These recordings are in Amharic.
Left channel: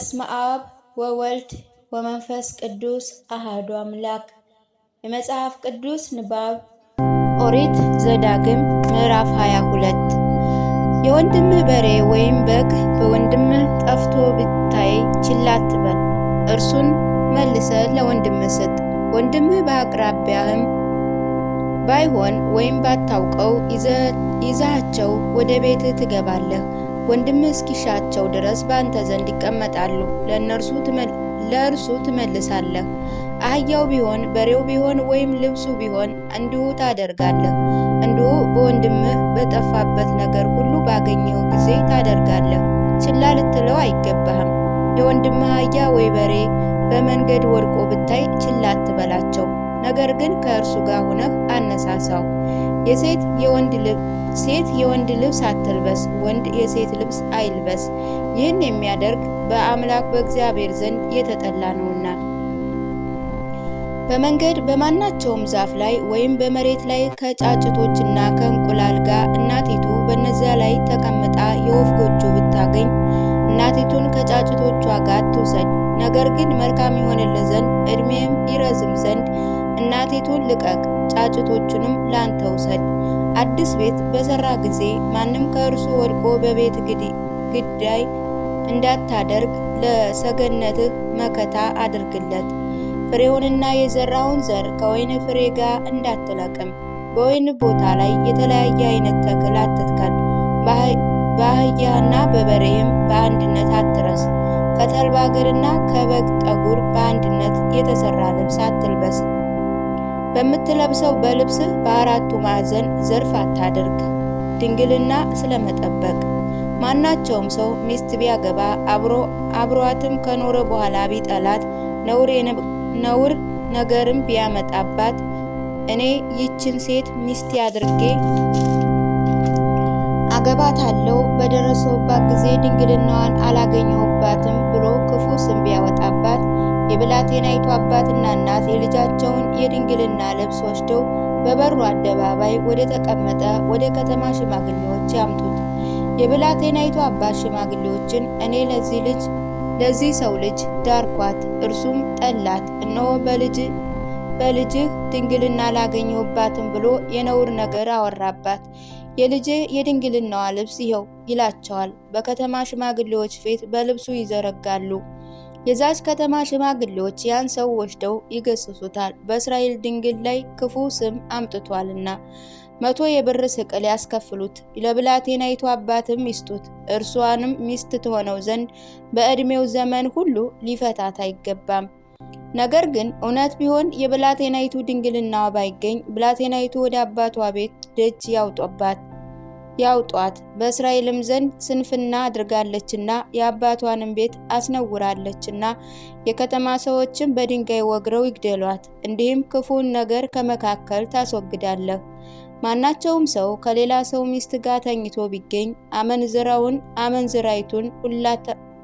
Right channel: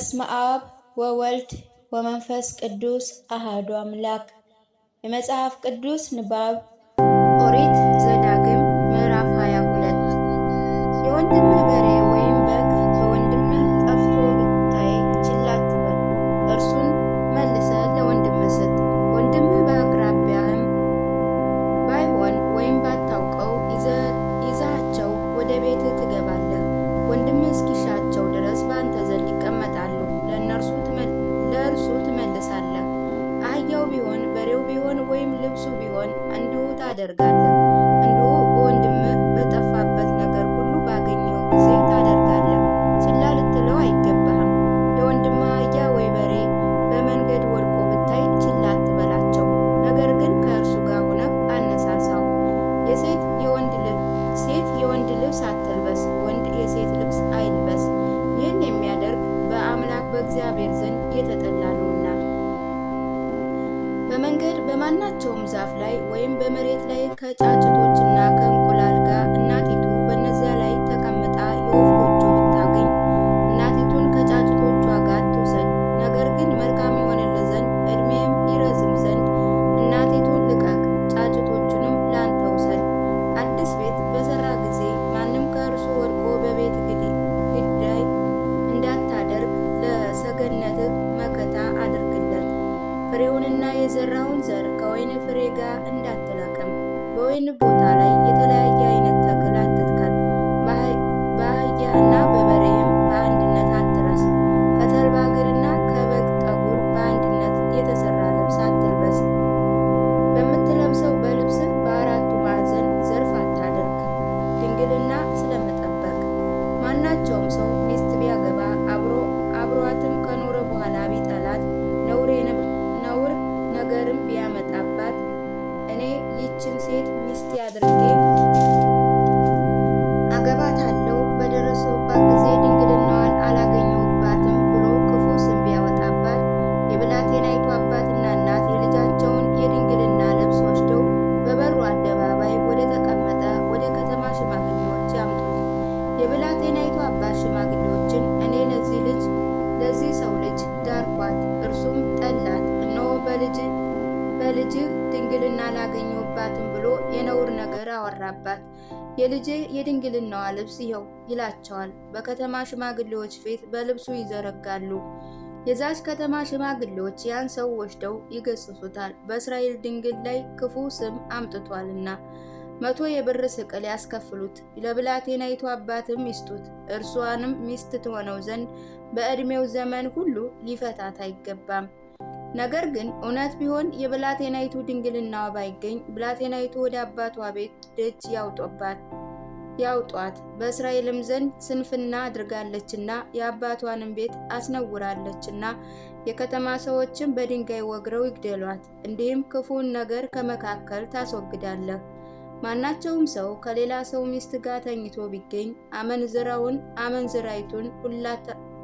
በስመ አብ ወወልድ ወመንፈስ ቅዱስ አሐዱ አምላክ። የመጽሐፍ ቅዱስ ንባብ ኦሪት ዘዳግም ምዕራፍ 22 የወንድምህ በሬ ወይም በግ በወንድምህ ጠፍቶ ብታይ ችላ አትበል፣ እርሱን መልሰህ ለወንድምህ ስጥ። ወንድምህ በአቅራቢያህም ባይሆን ወይም ባታውቀው ይዛቸው ወደ ቤትህ ትገባለህ። ወንድምህ እስኪሻቸው ድረስ በአንተ ዘንድ ይቀመጣሉ፣ ለእርሱ ትመልሳለህ። አህያው ቢሆን በሬው ቢሆን ወይም ልብሱ ቢሆን እንዲሁ ታደርጋለህ። እንዲሁ በወንድምህ በጠፋበት ነገር ሁሉ ባገኘው ጊዜ ታደርጋለህ። ችላ ልትለው አይገባህም። የወንድምህ አህያ ወይ በሬ በመንገድ ወድቆ ብታይ ችላ አትበላቸው፣ ነገር ግን ከእርሱ ጋር ሆነህ አነሳሳው። ሴት የወንድ ልብስ አትልበስ፣ ወንድ የሴት ልብስ አይልበስ። ይህን የሚያደርግ በአምላክ በእግዚአብሔር ዘንድ የተጠላ ነውና። በመንገድ በማናቸውም ዛፍ ላይ ወይም በመሬት ላይ ከጫጭቶችና ከእንቁላል ጋር እናቲቱ በነዚያ ላይ ተቀምጣ የወፍ ጎጆ ብታገኝ እናቲቱን ከጫጭቶቿ ጋር ትውሰድ። ነገር ግን መልካም ይሆንልህ ዘንድ ዕድሜም ይረዝም ዘንድ እናቲቱን ልቀቅ፣ ጫጭቶቹንም ላንተ ውሰድ። አዲስ ቤት በሰራ ጊዜ ማንም ከእርሱ ወድቆ በቤት ግዳይ እንዳታደርግ ለሰገነትህ መከታ አድርግለት። ፍሬውንና የዘራውን ዘር ከወይን ፍሬ ጋር እንዳትለቅም። በወይን ቦታ ላይ የተለያየ አይነት ተክል አትትከል። በአህያና በበሬም በአንድነት አትረስ። ከተልባ እግርና ከበግ ጠጉር በአንድነት የተሰራ ልብስ አትልበስ። በምትለብሰው በልብስህ በአራቱ ማዕዘን ዘርፍ አታድርግ። ድንግልና ስለመጠበቅ ማናቸውም ሰው ሚስት ቢያገባ አብሯትም ከኖረ በኋላ ቢጠላት ነውር ነገርም ቢያመጣባት እኔ ይችን ሴት ሚስቴ አድርጌ አገባታለሁ፣ በደረሰባት ጊዜ ድንግልናዋን አላገኘሁባትም ብሎ ክፉ ስም ቢያወጣባት የብላቴናይቱ አባትና እናት የልጃቸውን የድንግልና ልብስ ወስደው በበሩ አደባባይ ወደ ተቀመጠ ወደ ከተማ ሽማግሌዎች ያምጡት። የብላቴናይቱ አባት ሽማግሌዎችን እኔ ለዚህ ሰው ልጅ ዳርኳት፣ እርሱም ጠላት፣ እነሆ በልጅህ ድንግልና አላገኘሁባትም ብሎ የነውር ነገር አወራባት። የልጅህ የድንግልናዋ ልብስ ይኸው ይላቸዋል። በከተማ ሽማግሌዎች ፊት በልብሱ ይዘረጋሉ። የዛች ከተማ ሽማግሌዎች ያን ሰው ወስደው ይገስጹታል፣ በእስራኤል ድንግል ላይ ክፉ ስም አምጥቷልና 100 የብር ስቅል ያስከፍሉት። ለብላቴናይቱ አባትም ይስጡት፣ እርሷንም ሚስት ትሆነው ዘንድ በዕድሜው ዘመን ሁሉ ሊፈታት አይገባም። ነገር ግን እውነት ቢሆን የብላቴናይቱ ድንግልናዋ ባይገኝ ብላቴናይቱ ወደ አባቷ ቤት ደጅ ያውጧት፣ በእስራኤልም ዘንድ ስንፍና አድርጋለችና የአባቷንም ቤት አስነውራለችና የከተማ ሰዎችም በድንጋይ ወግረው ይግደሏት። እንዲህም ክፉን ነገር ከመካከል ታስወግዳለህ። ማናቸውም ሰው ከሌላ ሰው ሚስት ጋር ተኝቶ ቢገኝ አመንዝራውን አመንዝራይቱን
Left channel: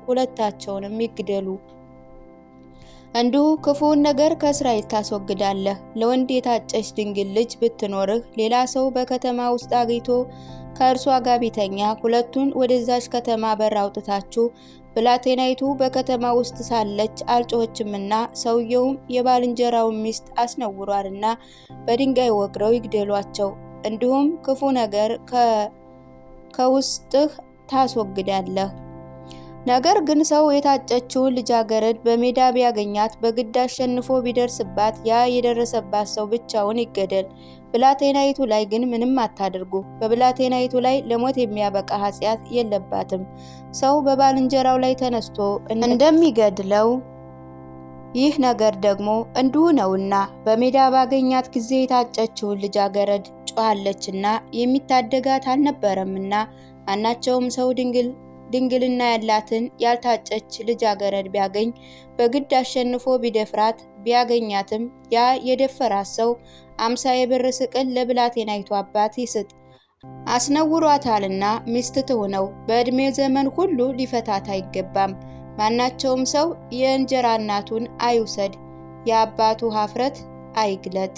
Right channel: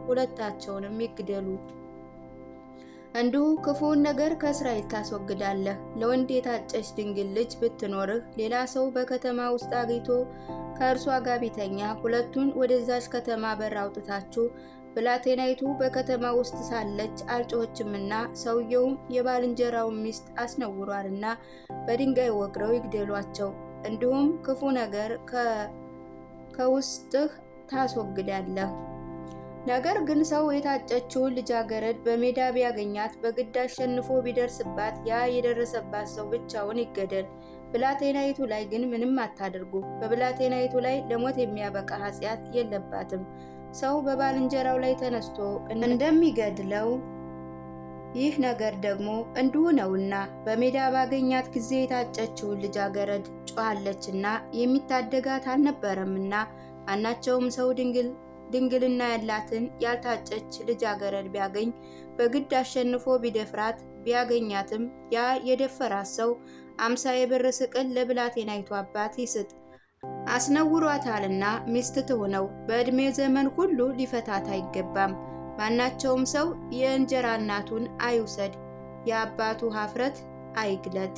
ሁለታቸውንም ይግደሉ። እንዲሁ ክፉውን ነገር ከእስራኤል ታስወግዳለህ። ለወንድ የታጨች ድንግል ልጅ ብትኖርህ ሌላ ሰው በከተማ ውስጥ አግኝቶ ከእርሷ ጋር ቢተኛ ሁለቱን ወደዛች ከተማ በር አውጥታችሁ ብላቴናይቱ በከተማ ውስጥ ሳለች አልጮኸችምና ሰውየውም የባልንጀራውን ሚስት አስነውሯልና በድንጋይ ወግረው ይግደሏቸው። እንዲሁም ክፉ ነገር ከውስጥህ ታስወግዳለህ። ነገር ግን ሰው የታጨችውን ልጃገረድ በሜዳ ቢያገኛት በግድ አሸንፎ ቢደርስባት ያ የደረሰባት ሰው ብቻውን ይገደል። ብላቴናይቱ ላይ ግን ምንም አታድርጉ። በብላቴናይቱ ላይ ለሞት የሚያበቃ ኃጢአት የለባትም። ሰው በባልንጀራው ላይ ተነስቶ እንደሚገድለው ይህ ነገር ደግሞ እንዲሁ ነውና በሜዳ ባገኛት ጊዜ የታጨችውን ልጃገረድ ጮኻለችና የሚታደጋት አልነበረምና ማናቸውም ሰው ድንግልና ያላትን ያልታጨች ልጃገረድ ቢያገኝ በግድ አሸንፎ ቢደፍራት ቢያገኛትም ያ የደፈራት ሰው 50 የብር ስቅል ለብላቴናይቱ አባት ይስጥ፣ አስነውሯታልና ሚስት ትሁነው፣ በዕድሜ ዘመን ሁሉ ሊፈታት አይገባም። ማናቸውም ሰው የእንጀራ እናቱን አይውሰድ፣ የአባቱ ኀፍረት አይግለጥ።